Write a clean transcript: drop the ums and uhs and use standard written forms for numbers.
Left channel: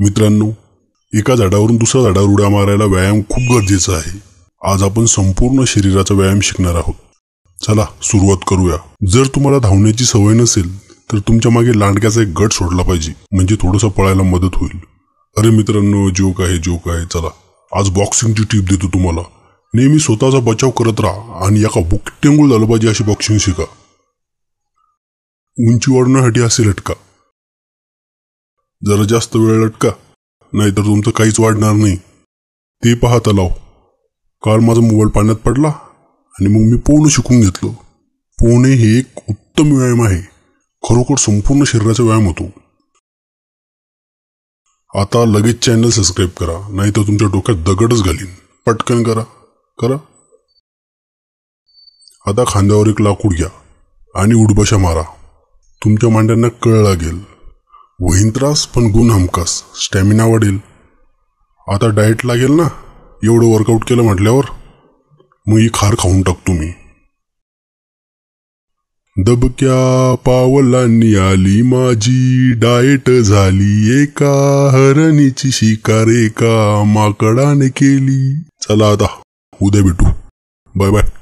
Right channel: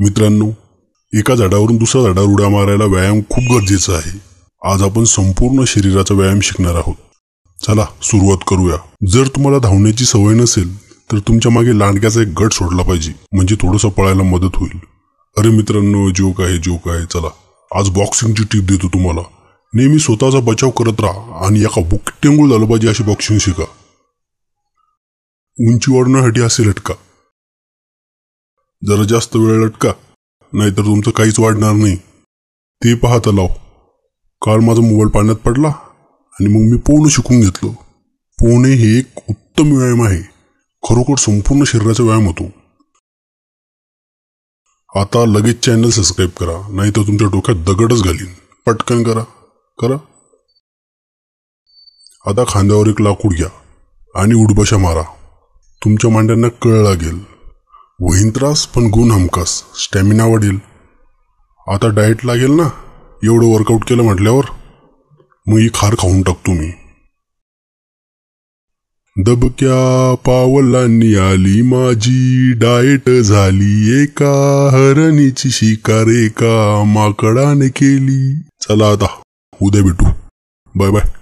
मित्रांनो, एका झाडावरून दुसऱ्या झाडावर उड्या मारायला व्यायाम खूप गरजेचा आहे। आज आपण संपूर्ण शरीराचा व्यायाम शिकणार आहोत। चला सुरुवात करूया। जर तुम्हाला धावण्याची सवय नसेल तर तुमच्या मागे लांडग्याचा एक गट सोडला पाहिजे, म्हणजे थोडंसं पळायला मदत होईल। अरे मित्रांनो, जोक आहे। चला आज बॉक्सिंगची टिप देतो तुम्हाला। नेहमी स्वतःचा बचाव करत राहा आणि एका बुक्कीमुळे झालं पाहिजे अशी बॉक्सिंग शिका। उंची वाढवण्यासाठी असे लटका, जरा जास्त वेळ लटका, नाहीतर तुमचं काहीच वाढणार नाही। ते पाहत आलो, काल माझा मोबाईल पाण्यात पडला आणि मग मी पोहणं शिकून घेतलं। पोहणे हे एक उत्तम व्यायाम आहे, खरोखर संपूर्ण शरीराचा व्यायाम होतो। आता लगेच चॅनल सबस्क्राईब करा, नाहीतर तुमच्या डोक्यात दगडच घालीन। पटकन करा। आता खांद्यावर एक लाकूड घ्या आणि उठबशा मारा। तुमच्या मांड्यांना कळ लागेल, होईन त्रास पण गुण हमखास, स्टॅमिना वाढेल। आता डाएट लागेल ना, एवढं वर्कआउट केलं म्हटल्यावर मग ही खार खाऊन टाकतो मी। दबक्या पावलांनी आली माझी डाएट झाली, एका हरणीची शिकार एका माकडाने केली। चला आता उद्या भेटू, बाय बाय।